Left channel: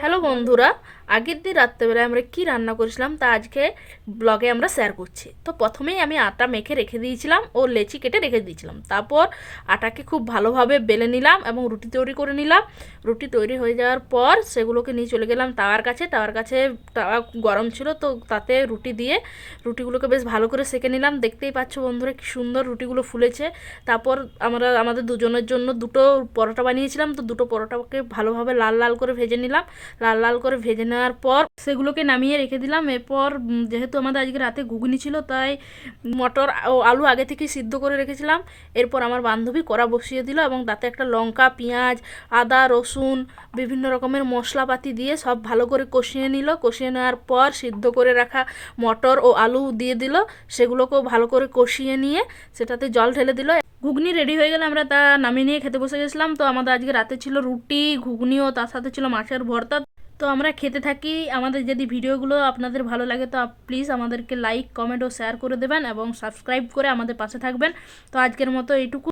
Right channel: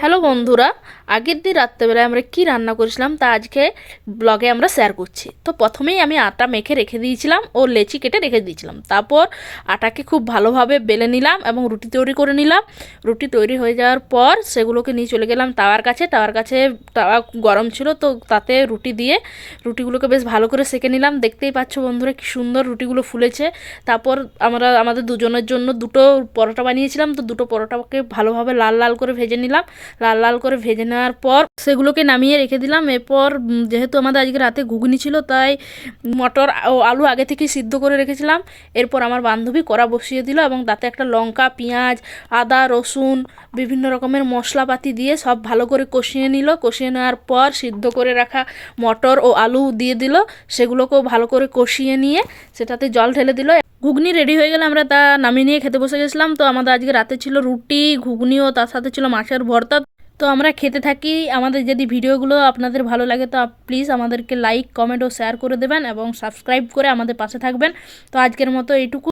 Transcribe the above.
Hello বন্ধুরা, আগের দিন রাত্রেবেলায় আমরা কি রান্না করেছিলাম তা আজকে ব্লগে আমরা শেয়ার করছি। তো প্রথমেই আমি আটা মেখে রেখে দিয়েছিলাম ও লেচি কেটে রেখে দিয়েছিলাম। তারপর আটাকে খুব ভালোভাবে বেলে নিলাম এবং রুটি তৈরি করে নিলাম। রুটি তৈরি হয়ে যাওয়ার পর সেগুলোকে নিয়ে চলে গেলাম তাওয়ার কাছে তাওয়া গরম ছিল, তো তাতে রুটি দিয়ে রুটিগুলোকে বেশ ভালো করে সেঁকে নিলাম। দেখতেই পাচ্ছ বন্ধুরা কি সুন্দর রুটিগুলো ফুলেছে। তারপর আমরা আমাদের দুজনের জন্য দুটো পরোটা বানিয়েছিলাম, তো দুটো পরোটাকে ভালোভাবে লাল লাল করে ভেজে নিলাম। লাল লাল করে ভেজে নেওয়ার পর সেগুলোকে নামিয়ে রেখে দিলাম। এরপর যেহেতু আমাদের আজকে রাতে ঘুগনি ছিল, তাই মটর ও আলু আগে থেকেই সিদ্ধ করে রেখেছিলাম। এরপর আমার বান্ধবী কড়া বসিয়ে দিল এবং তাতে একটা লঙ্কা, পেঁয়াজ, আদা, রসুন, বিভিন্ন রকমের মশলাপাতি দিয়ে সব ভালো করে কষিয়ে নিল। কষিয়ে নেওয়ার পর সিদ্ধ করে রাখা মটর ও আলু দিয়ে দিল। সেগুলোকেও ভালো করে কষিয়ে নিয়ে সেটাতে জল ঢেলে দিল। ঘুগনি রেডি হয়ে গেলে আমরা তা নামিয়ে নিয়ে খেতে বসে গেছিলাম। তো আমাদের আজকে রাতে ছিল রুটি, ঘুগনি ও তার সাথে ছিল মাছের ভর্তা। তো আমরা খেতে থাকি। আমাদের যদি ভিডিওগুলো আপনাদের ভালো লাগে তো প্লিজ আমাদেরকে লাইক, কমেন্ট ও শেয়ার করে দেবেন এবং সাবস্ক্রাইব করে আমাদের পাশে থাকবেন। তো আজকের মতো এইটুকু।